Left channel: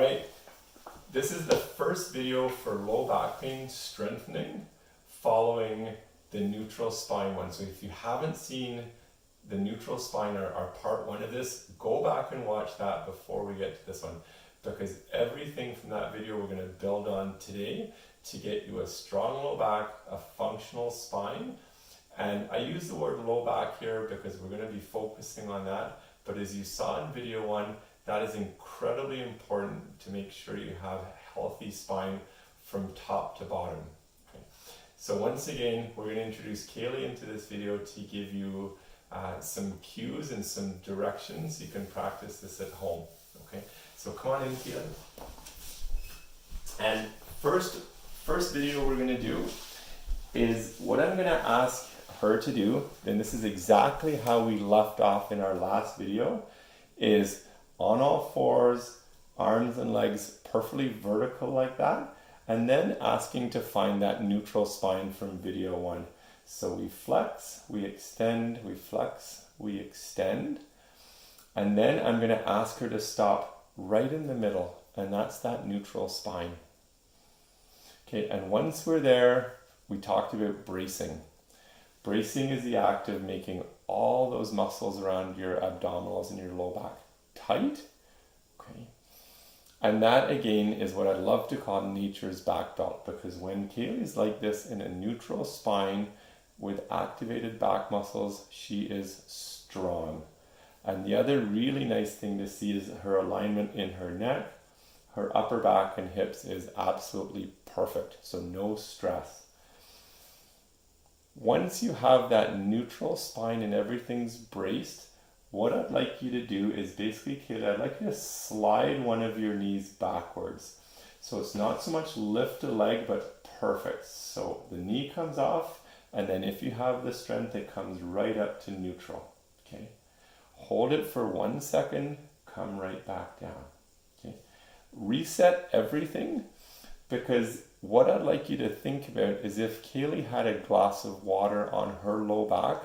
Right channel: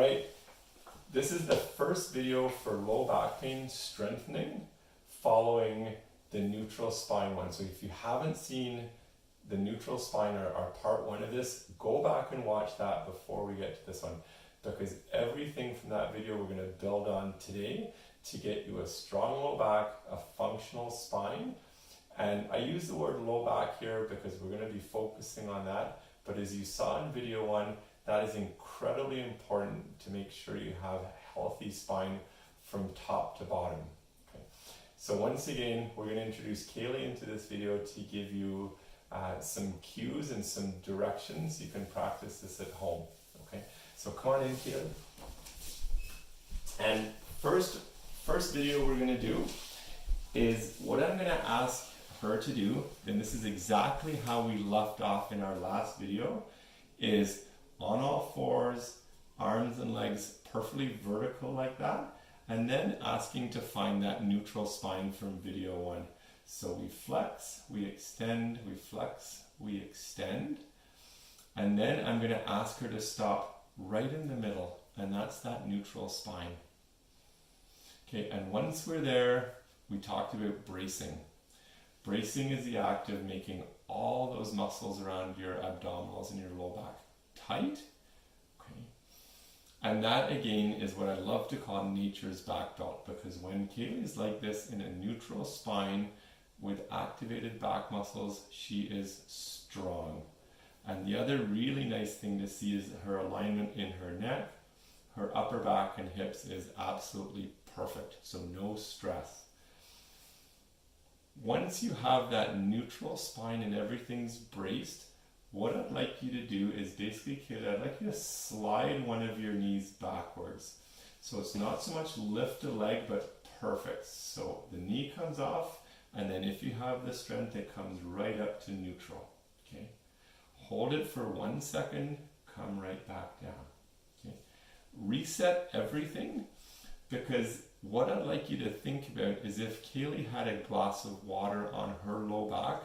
right, this is the first video for low back pain strengthening following the neutral spine one. So if you haven't seen the neutral spine or part one of this, go back and watch that before we get to this one, because everything from that video we're going to build on today to get you a strong low back, a functional spine. And I use the word low back here because we're going to be focusing on that. But as you saw in video one, that is incredibly important to make sure you have a healthy spine from top to bottom. Okay. So once again, we're going to introduce Kaylee into this video to give you some cues and some directions. You can practice this at home. Okay. So come on in, Kaylee. And first video we're going to do is what I'm going to ask her to do, and this is exactly how we left off in our last video, is on all fours, arms and legs perfectly vertical like that, and then asking to find that neutral spine from video one. So we flex, we extend, we flex, we extend, and then I'm going to ask her to stop right in the middle, and that's that neutral spine. Okay, and once we're there, we talked about bracing. Bracing is the act of making all those muscles around your abdominals and your low back tight. Okay. And that again is what I love to call nature's back belt, because when Kaylee's like this in a neutral spine with activated back muscles, she is strong. And the other really nice thing to see is her alignment in her neck, her upper back and hips is absolutely perfect. So no stress. Once you have that neutral spine and everything's braced, what I'd like you to do is basically, Kaylee, I'd like you to slide one of your knees backwards. So it's not so much lift a leg, but perfect. So the knee comes off, and then if you have the strength, it comes right up to neutral. Okay. Hold it for 1 second, come right back down. Okay. Reset everything, because what I'd like you to think about is if Kaylee had a glass of water on her low back,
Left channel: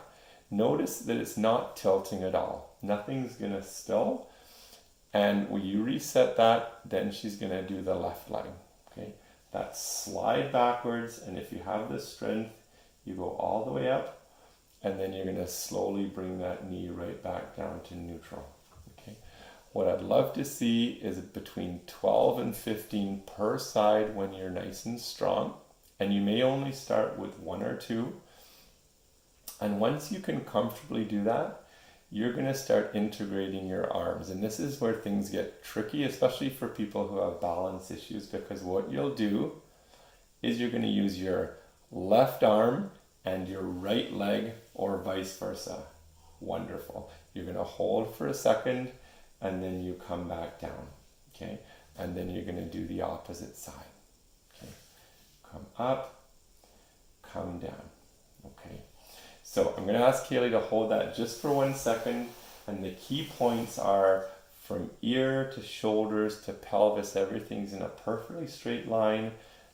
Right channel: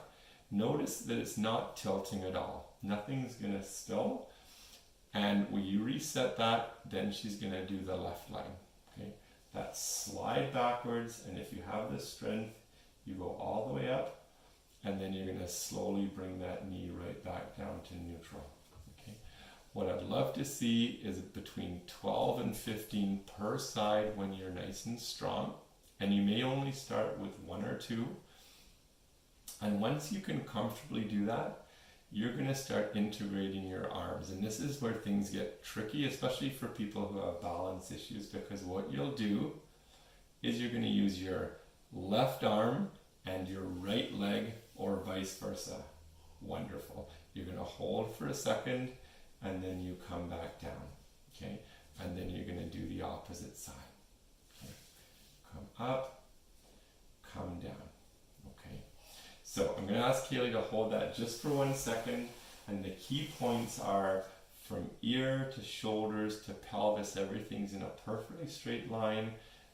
notice that it's not tilting at all. Nothing's going to spill. And when you reset that, then she's going to do the left leg. Okay, that slide backwards, and if you have the strength, you go all the way up, and then you're going to slowly bring that knee right back down to neutral. Okay. What I'd love to see is between 12 and 15 per side when you're nice and strong. And you may only start with 1 or 2. And once you can comfortably do that, you're going to start integrating your arms. And this is where things get tricky, especially for people who have balance issues, because what you'll do is you're going to use your left arm and your right leg, or vice versa. Wonderful. You're going to hold for a second, and then you come back down, okay? And then you're going to do the opposite side, okay? Come up, come down, okay? So I'm going to ask Kaylee to hold that just for 1 second, and the key points are from ear to shoulders to pelvis, everything's in a perfectly straight line.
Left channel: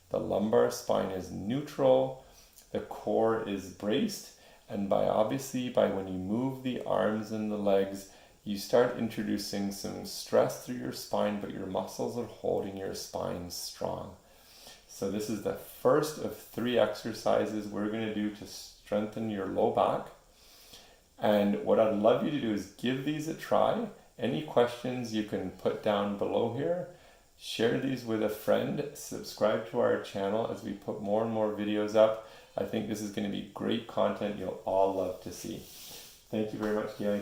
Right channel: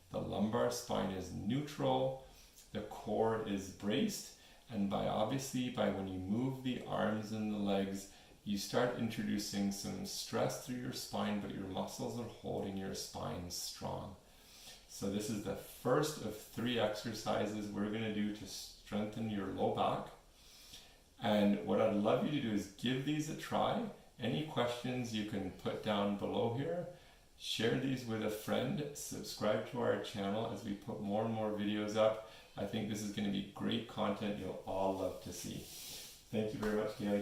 The lumbar spine is neutral, the core is braced, and obviously by when you move the arms and the legs, you start introducing some stress through your spine, but your muscles are holding your spine strong. So this is the first of 3 exercises we're going to do to strengthen your low back. And what I'd love you to do is give these a try. Any questions you can put down below here. Share these with a friend. Subscribe to our channel as we put more and more videos up. I think this is going to be great content you'll all love to see. Thank you very much, Gary.